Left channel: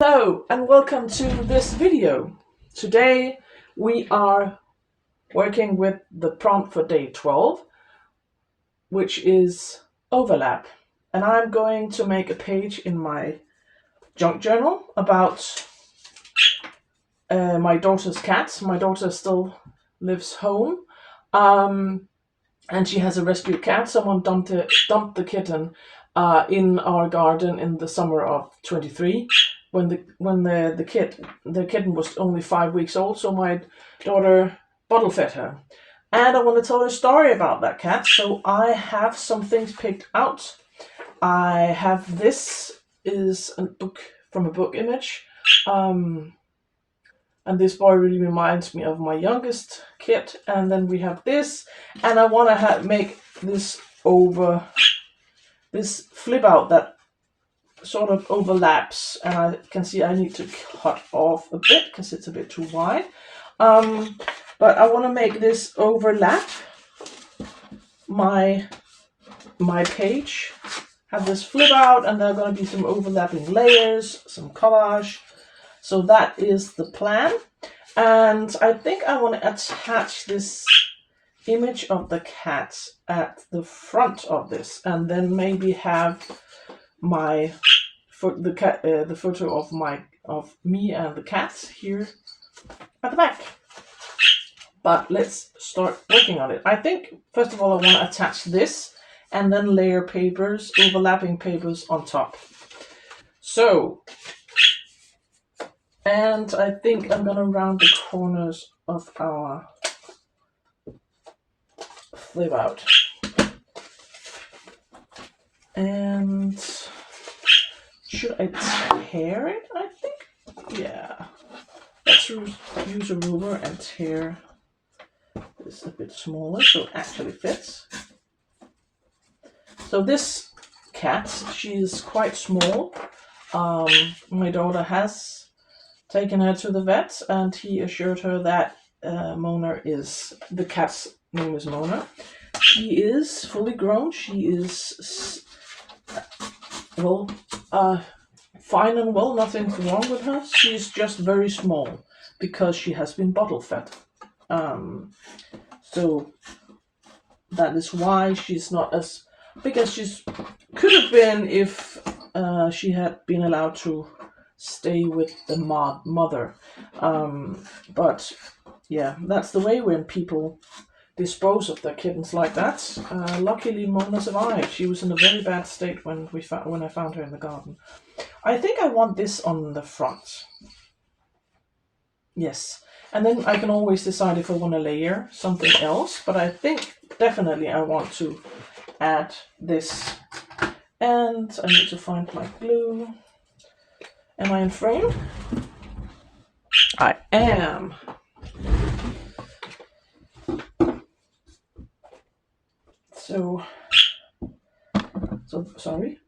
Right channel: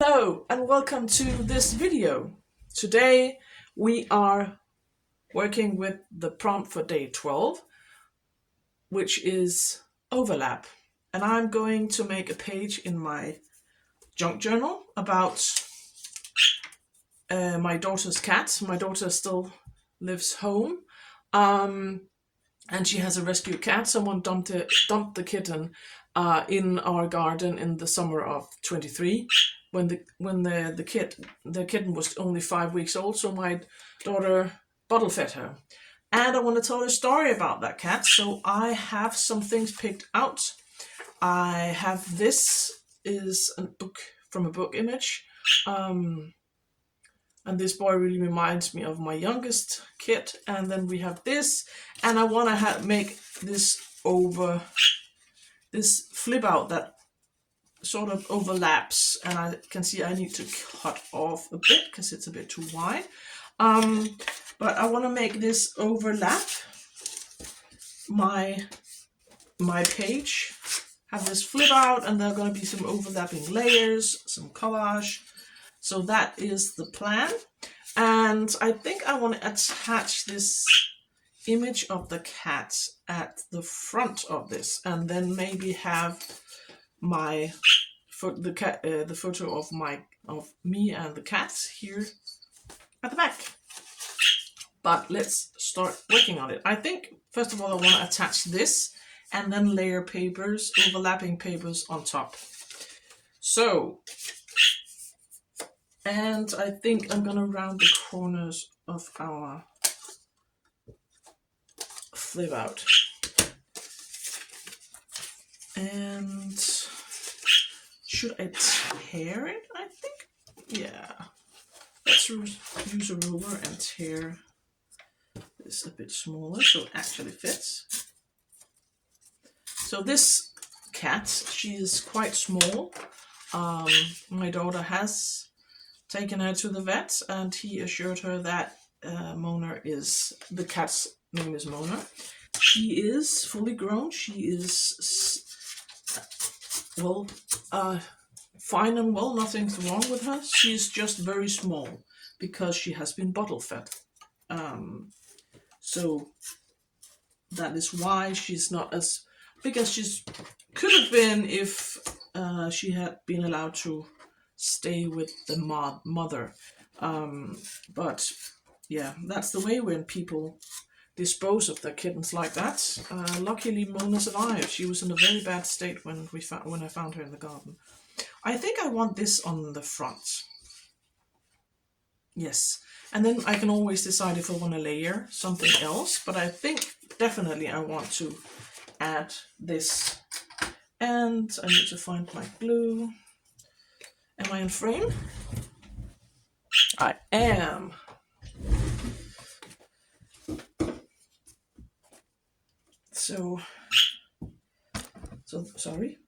Hello and welcome to this video. Today we are working with the prompt for day 12, which is overlap. And I'm going to make a page in my junk journal about my daughter's cat. My daughter still lives home, and she has a rescue cat. Someone dumped the kitten in our garden in the summer of 23 when the kitten was only 5 weeks old. So my daughter bottle fed her, and I want to tell a story about that cat. So I have some things picked out. I have this is a book from a book image. And this boy really reminds me of my youngest kid. And then we have this, and I want to make this flip out that sort of overlaps, and I can see I need to cut off a bit because it's a bit too wide. But I want to make this overlap my page, have this flip out, and there are going to be some overlapping layers, some collage. So that is the plan. And I think I want to attach this image of the cat at the front of this, and then maybe have the photo of me and the cat here at the back. But let's start working on it. I think first of all I want to attach this and then layer papers, overlapping papers on top. So, and I think I'm gonna round the corners of our flip out. And should I tear it? I think, yeah. Let's use a ruler and tear this a bit smaller so it actually fits. So this cat, she's quite small. My daughter has taken her to the vet, and he assured her that the cat's name is Mona. She is fully grown. She is fine and well. Nothing's wrong with her. She's just very small because she has been bottle fed. So that is why she's not as big as she could have been if she had been allowed to stay with the mother. But yeah, that's the way when people dispose of their kittens like that. Luckily, Mona survived. She was in a very bad state when I found her in the garden. I think I want this on the front. Yes, and then I can always decide if I want to layer something else. But I think definitely I want to add this. And I need to find my glue. Am I in frame? I am. So sorry.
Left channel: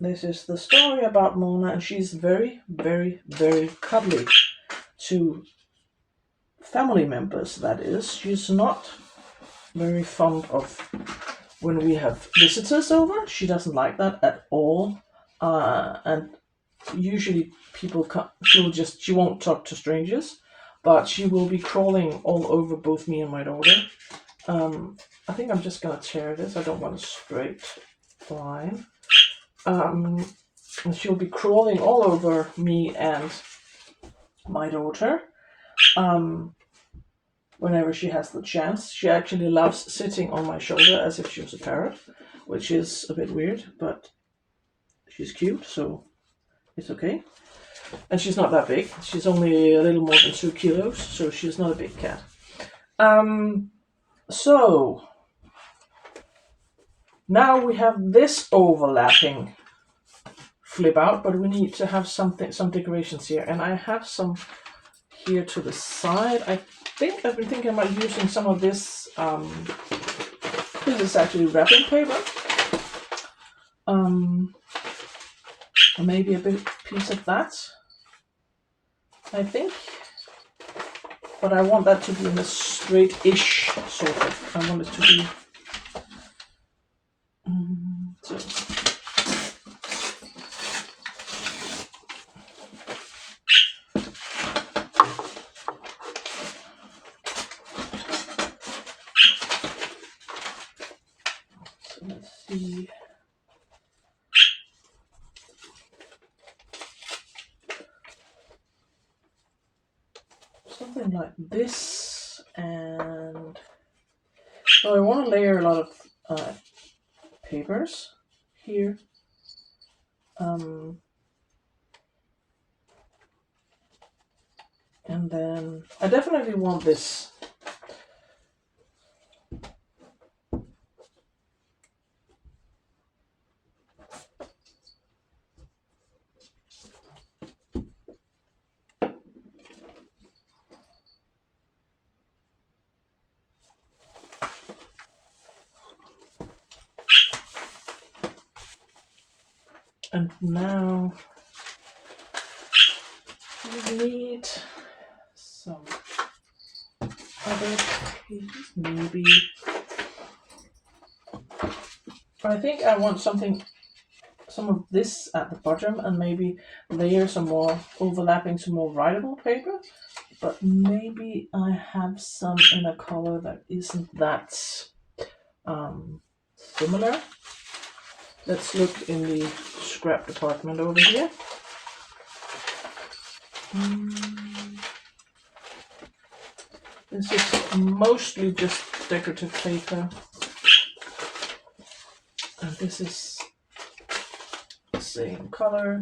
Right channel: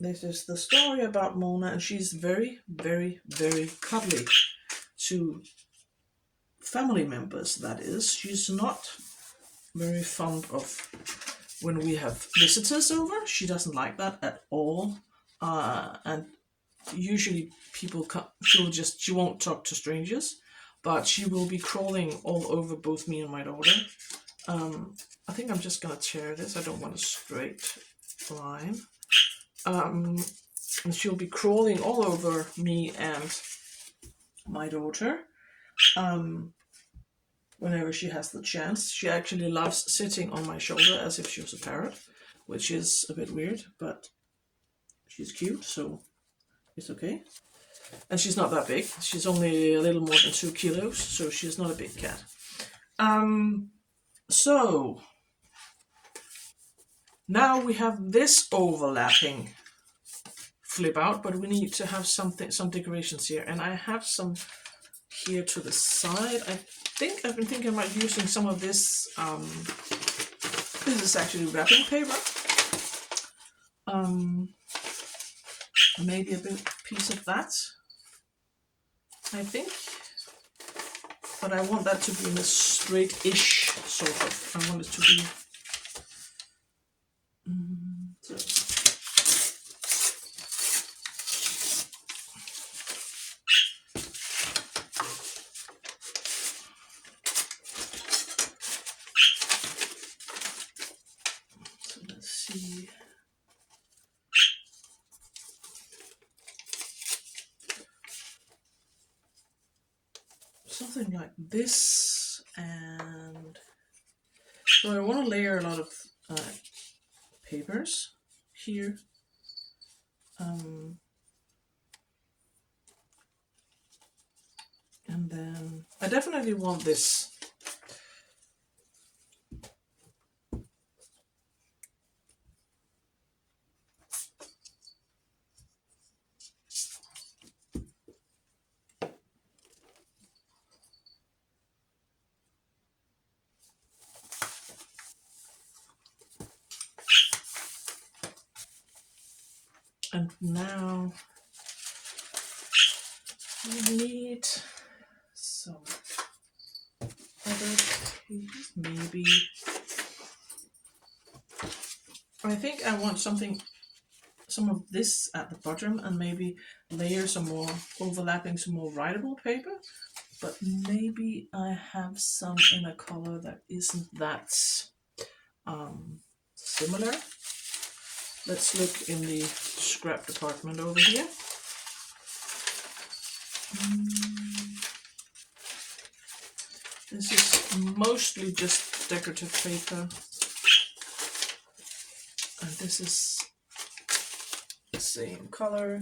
This is the story about Mona, and she's very, very, very cuddly to family members, that is. She's not very fond of when we have visitors over. She doesn't like that at all. And usually people come, she won't talk to strangers, but she will be crawling all over both me and my daughter. I think I'm just gonna tear this. I don't want a straight line. And she'll be crawling all over me and my daughter whenever she has the chance. She actually loves sitting on my shoulder as if she was a parrot, which is a bit weird, but she's cute, so it's okay. And she's not that big. She's only a little more than 2 kilos, so she's not a big cat. So now we have this overlapping flip out, but we need to have some decorations here, and I have some here to the side. I've been thinking about using some of this. This is actually wrapping paper. Maybe a piece of that, I think. But I want that to be in a straight-ish sort of. I want it to be. something like this, and so I want to layer a lot of papers here. And then I definitely want this. And now we need some other pages, maybe. I think I want some of this at the bottom, and maybe layer some more overlapping, some more writable paper. But maybe I have some in a color that isn't that similar. Let's look in the scrap department over here. This is mostly just decorative paper. And this is the same color.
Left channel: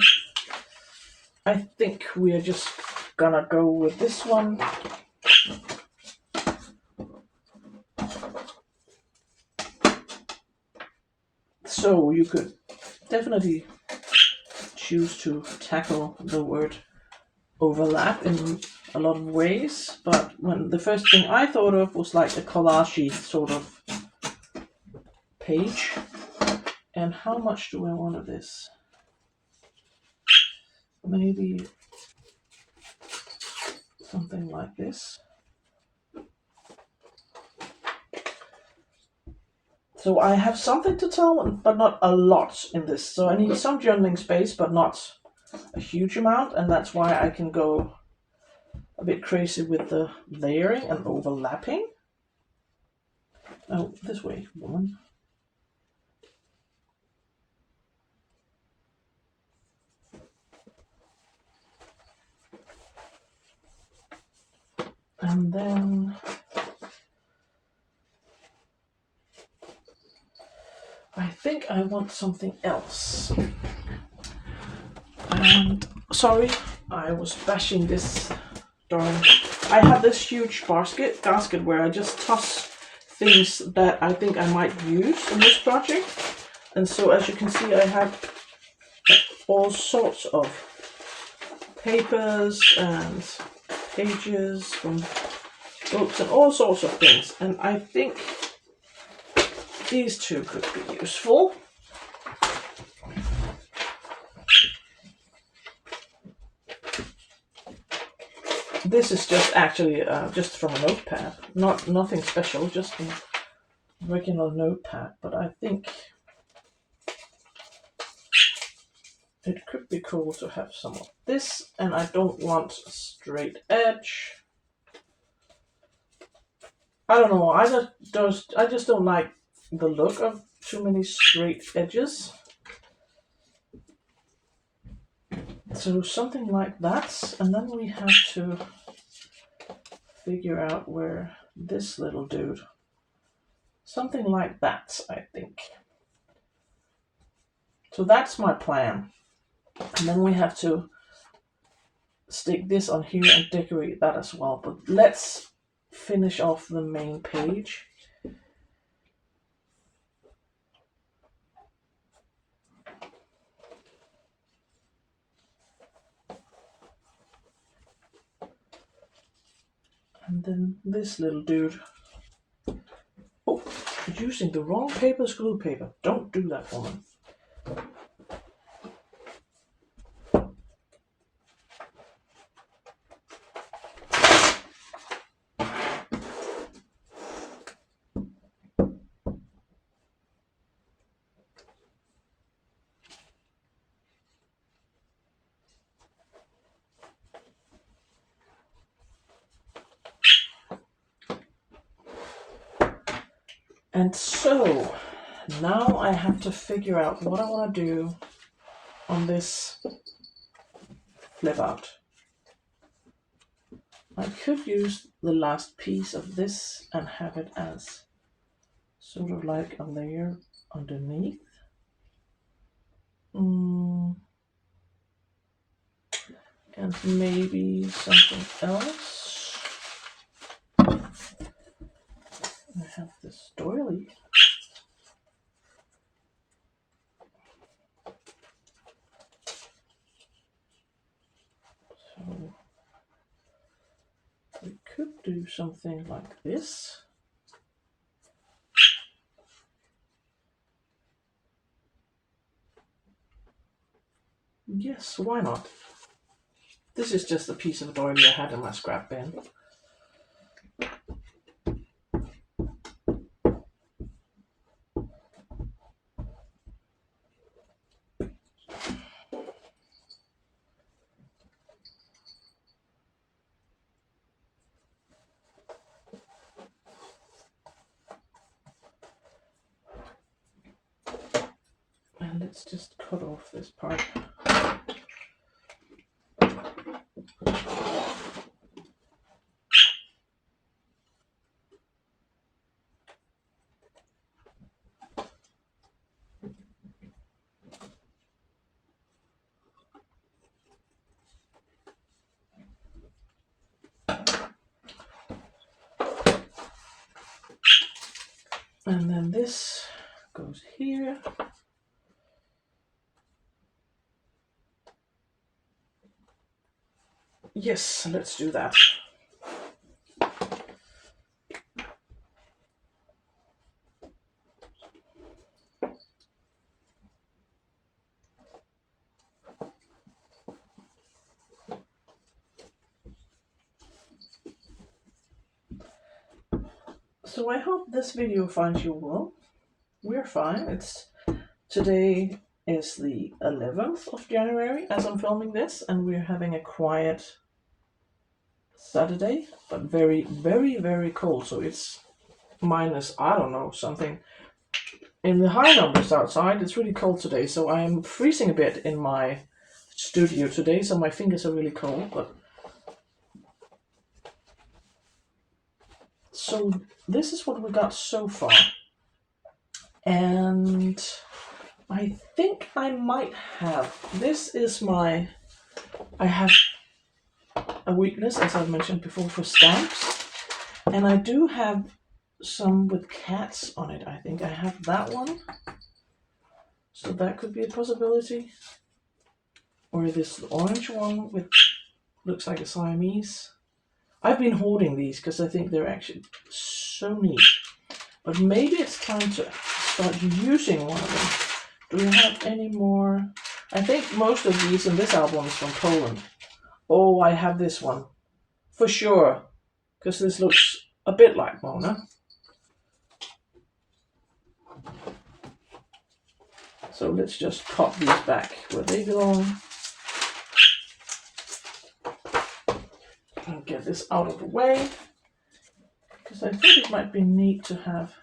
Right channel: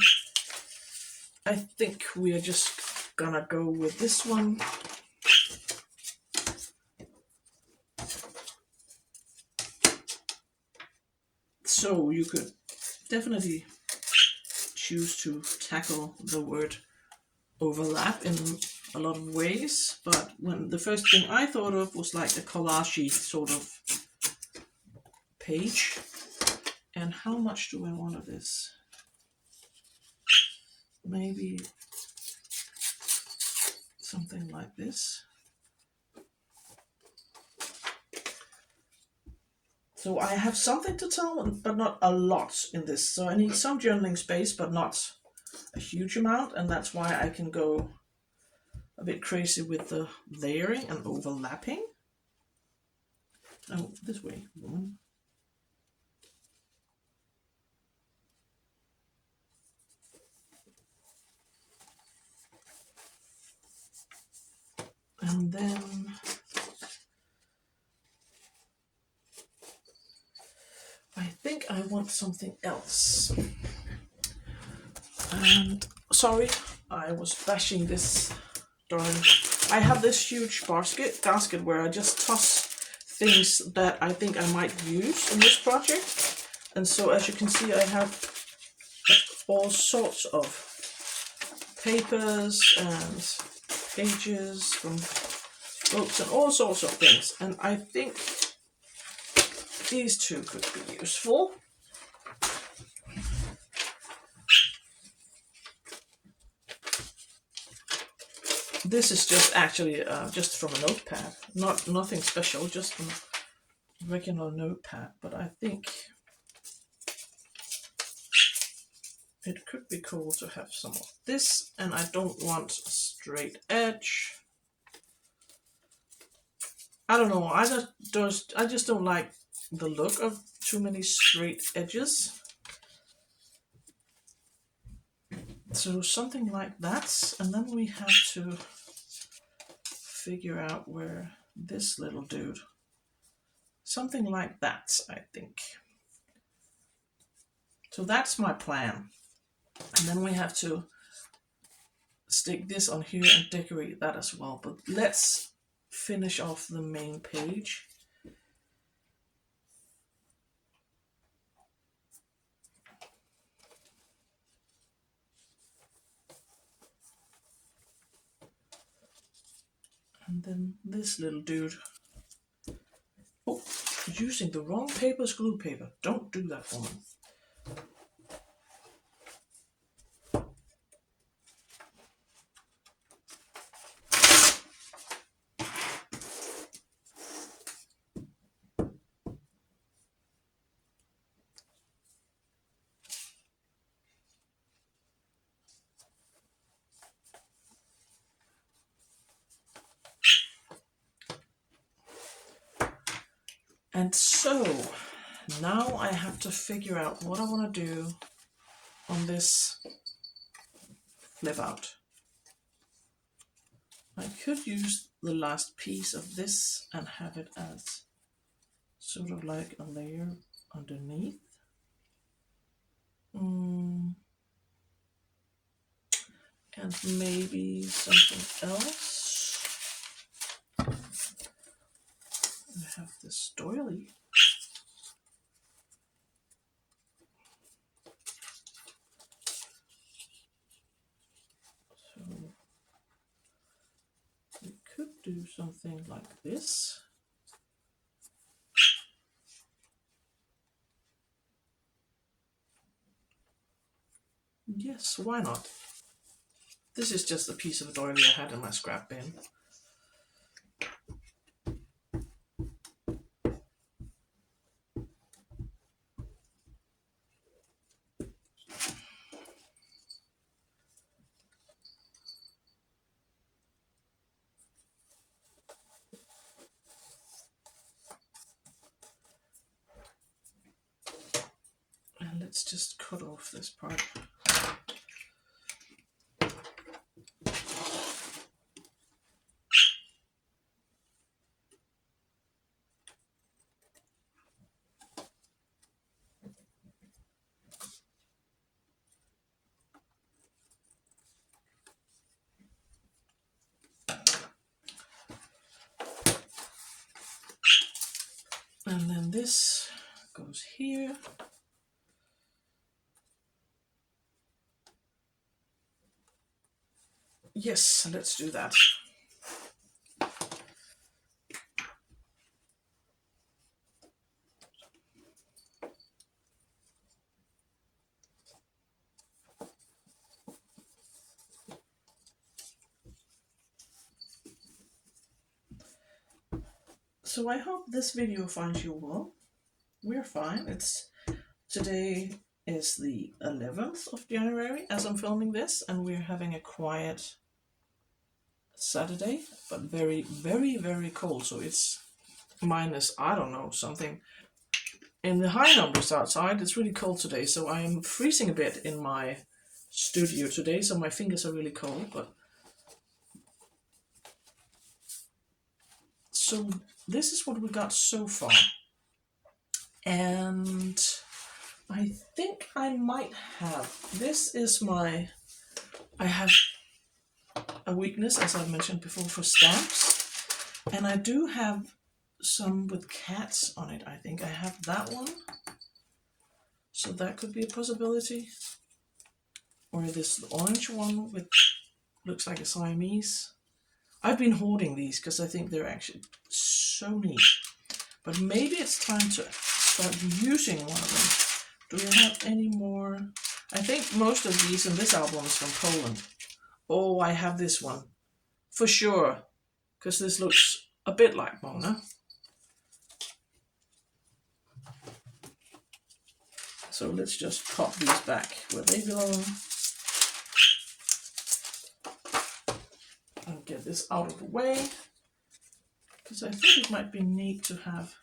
I think we are just gonna go with this one. So you could definitely choose to tackle the word overlap in a lot of ways, but when the first thing I thought of was like a collage sort of page. And how much do I want of this? Maybe something like this. So I have something to tell, but not a lot in this. So I need some journaling space, but not a huge amount. And that's why I can go a bit crazy with the layering and overlapping. Oh, this way, woman. And then I think I want something else. Sorry, I was bashing this darn. I have this huge basket where I just toss things that I think I might use in this project. And so as you can see, I have all sorts of papers and pages from books and all sorts of things. And I think these two could be useful. This is just actually just from a notepad, nothing special, just a regular notepad. But I think it could be cool to have some of this, and I don't want a straight edge. I don't know. I just don't like the look of too many straight edges. So something like that, and then we have to figure out where this little dude, something like that, I think. So that's my plan. And then we have to stick this on here and decorate that as well. But let's finish off the main page. And then this little dude. Oh, using the wrong paper as glue paper. Don't do that, woman. And so now I have to figure out what I want to do on this flip out. I could use the last piece of this and have it as sort of like a layer underneath. And maybe something else. I have this doily. So we could do something like this. Yes, why not? This is just a piece of doily I had in my scrap bin. And let's just cut off this part. And then this goes here. Yes, let's do that. So I hope this video finds you well. We're fine. Today is the 11th of January as I'm filming this, and we're having a quiet Saturday, but very, very, very cold. So it's minus, I don't know, something in the high numbers outside. It's really cold today, so I am freezing a bit in my studio today, so my fingers are really cold. But so this is what we got so far, and I think I might have, this is my, I have a weakness, as I've mentioned before, for stamps, and I do have some with cats on it. I think I have that one, so that could be a possibility. Or this orange one with, looks like a Siamese. I've been hoarding these because I think they're actually so neat, but maybe it's time to start using one of them. Do we have any more? I think most of these in this album is from Poland. Oh, I have this one for sure, because this looks a bit like Mona. So let's just pop these back where they belong and get this out of the way, because I think it might be neat to have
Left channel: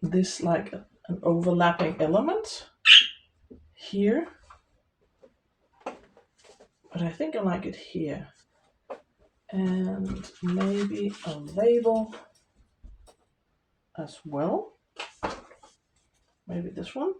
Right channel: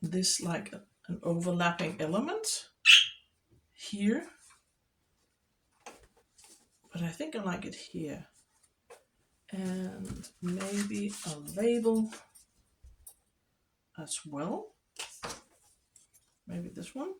this like an overlapping element here, but I think I like it here. And maybe a label as well. Maybe this one.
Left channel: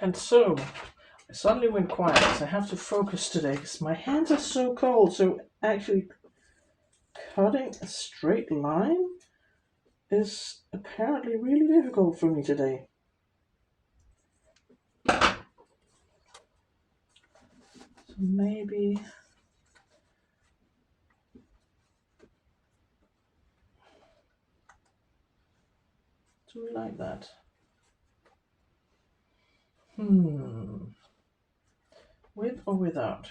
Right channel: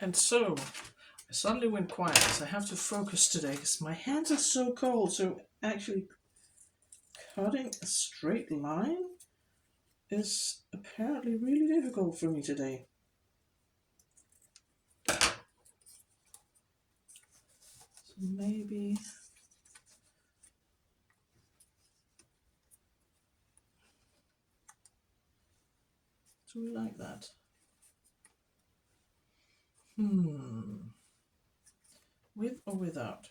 And so I suddenly went quiet because I have to focus today because my hands are so cold. So actually cutting a straight line is apparently really difficult for me today. So maybe do we like that? With or without?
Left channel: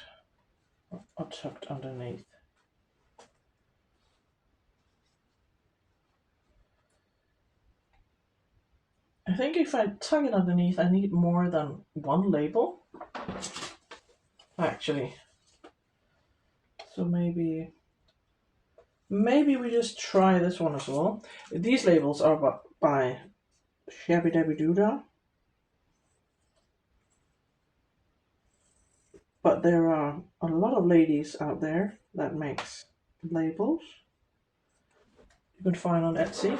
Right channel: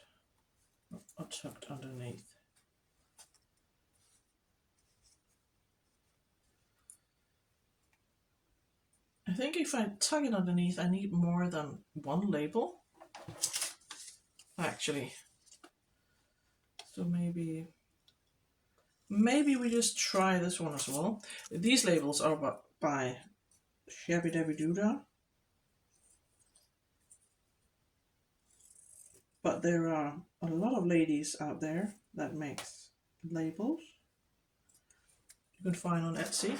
Or tucked underneath? I think if I tuck it underneath, I need more than one label, actually. So maybe we just try this one as well. These labels are by Shabby Dabby Doodah. But there are a lot of ladies out there that makes labels. You can find on Etsy.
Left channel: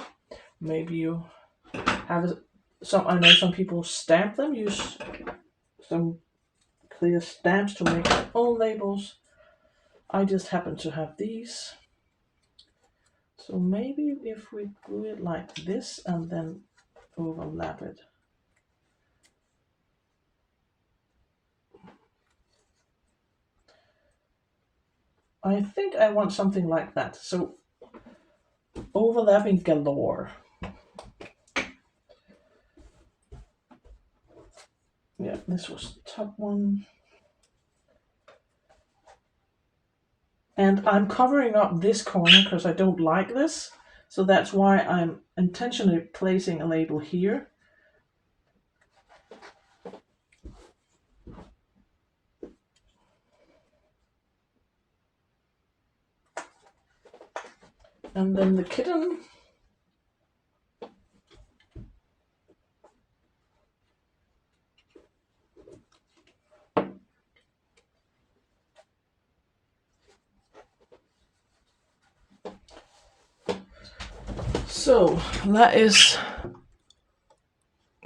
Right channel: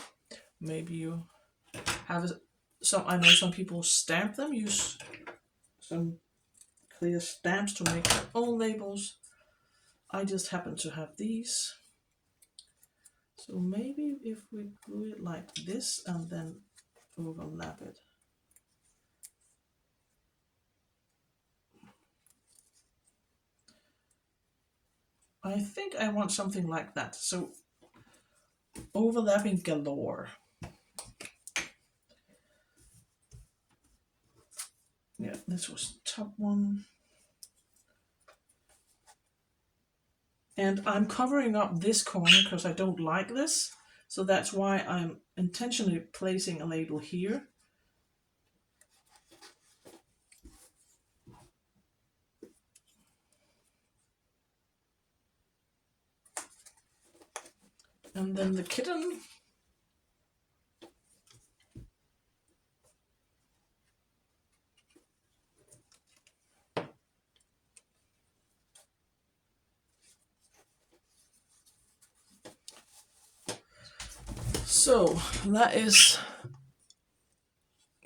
Maybe you have some. I know some people stamp them. Use some clear stamps to make their own labels. I just happen to have these. So maybe if we do it like this and then overlap it. I think I want something like that. So overlapping galore. Yeah, this was the top one. And I'm covering up this corner because I don't like this. So that's why I'm intentionally placing a label here. And then the kitten. So that is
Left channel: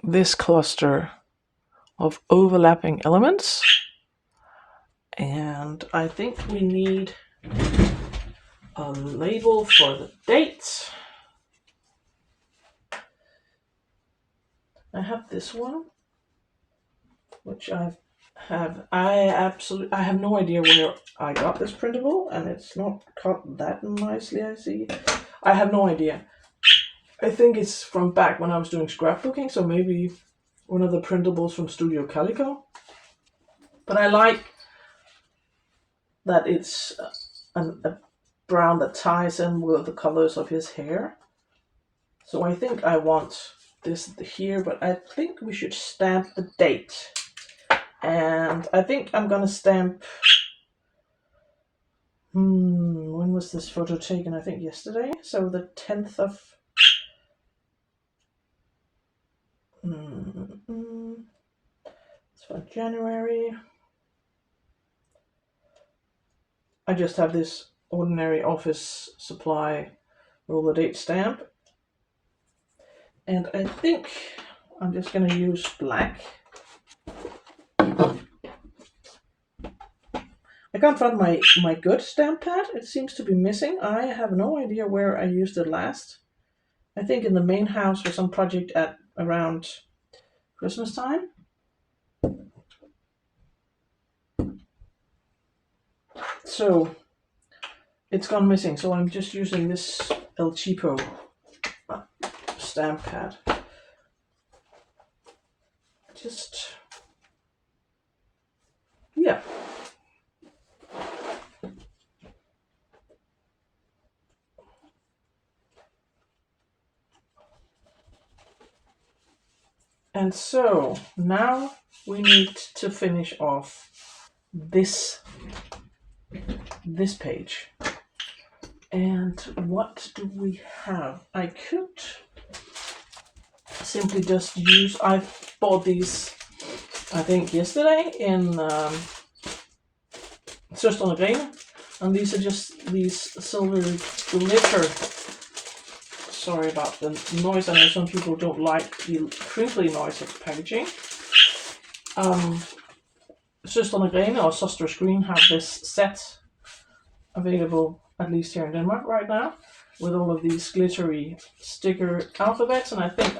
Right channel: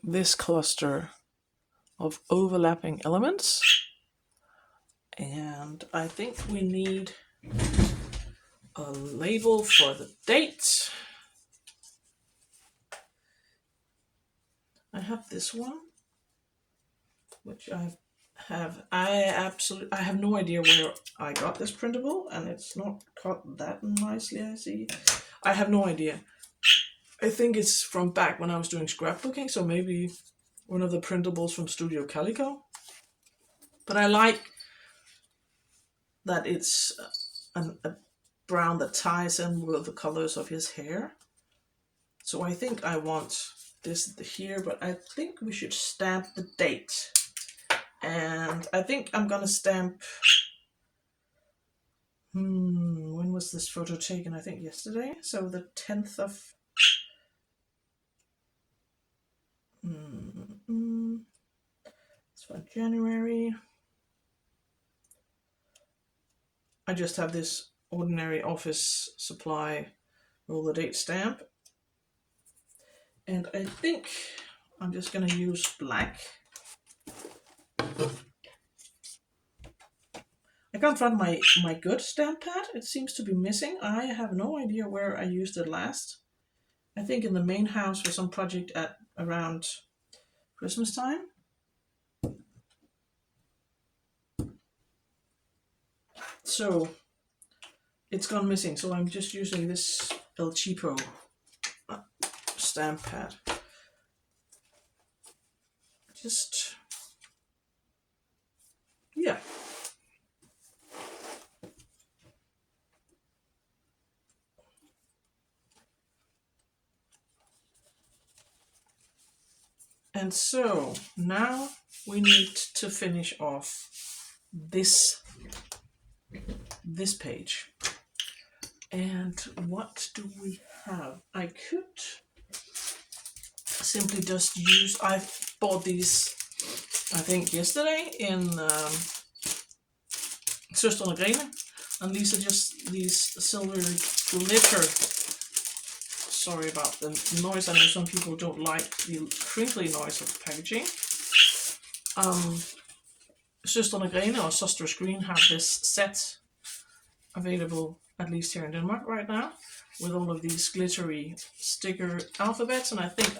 this cluster of overlapping elements. And I think we need a label for the date. I have this one, which I have no idea where I got this printable, and it's not cut that nicely, I see. I have no idea. I think it's from back when I was doing scrapbooking, so maybe one of the printables from Studio Calico. But I like that it's a brown that ties in with the colors of his hair. So I think I want this here, but I think we should stamp the date. And I think I'm gonna stamp, when was this photo taken? I think yesterday. So the 10th of, it's for January. I just have this ordinary office supply roll the date stamp. And I think I'm just gonna use black. I can't find my good stamp pad. It seems to be missing. I have no idea where I used it last. I think in the main house for some project at around Christmas time. So it's gone missing. So I'm just using this El Cheapo stamp pad. Just, yeah. And so now we need to finish off this page. And what do we have? I could simply just use, I bought these, I think yesterday in Søstrene Grene, and these are just these silver glitter. Sorry about the noise. I know some people don't like the crinkly noise of packaging. Søstrene Grene or Søstre Green have this set available, at least here in Denmark right now, with all of these glittery sticker alphabets, and I think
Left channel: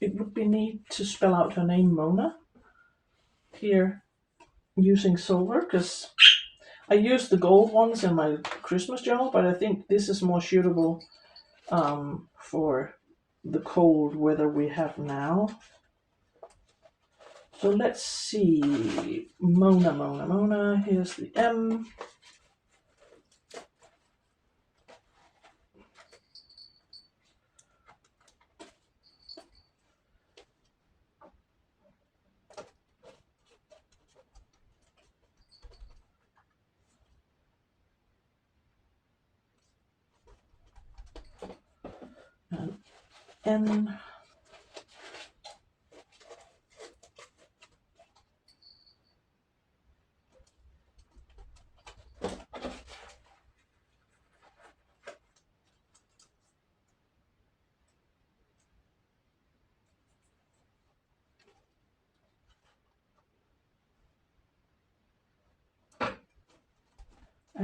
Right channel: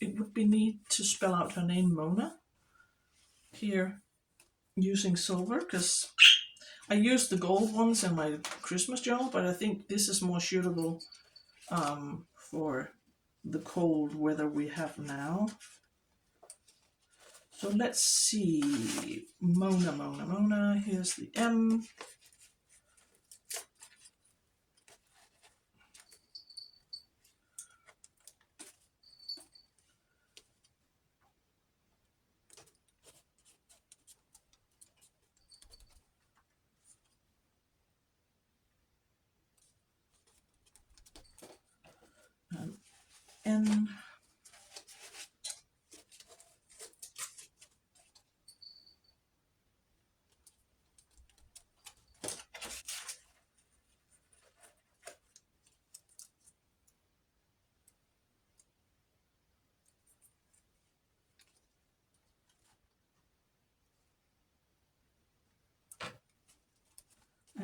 it would be neat to spell out her name, Mona, here using silver, because I used the gold ones in my Christmas journal, but I think this is more suitable for the cold weather we have now. So let's see, Mona, here's the M. And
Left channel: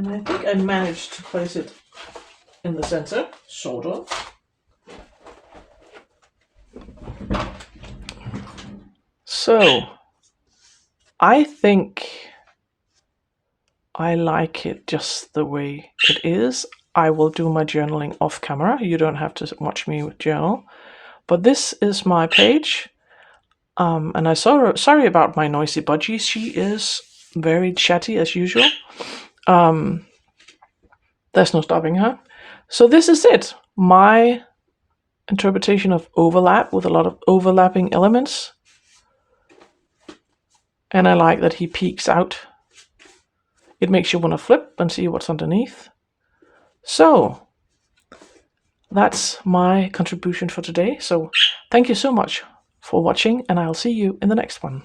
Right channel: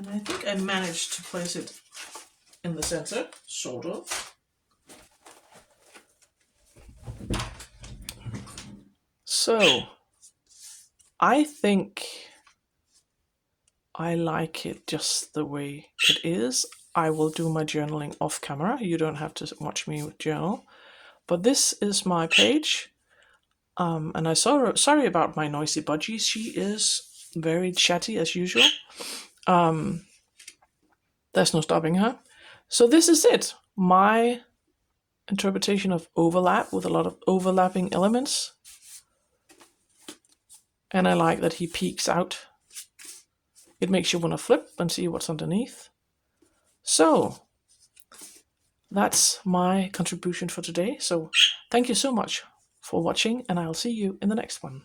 I think I managed to place it in the center, sort of. So, I think I like it just the way it is. I will do my journaling off camera. You don't have to watch me journal. But this is my page. And I'm sorry about my noisy budgie. She is very chatty as usual. There's no stopping her. So this is it. My interpretation of overlap with a lot of overlapping elements. And I like that he peeks out. It makes you want to flip and see what's underneath. So that's my contribution for today. So thank you so much for watching, and I'll see you in the next one.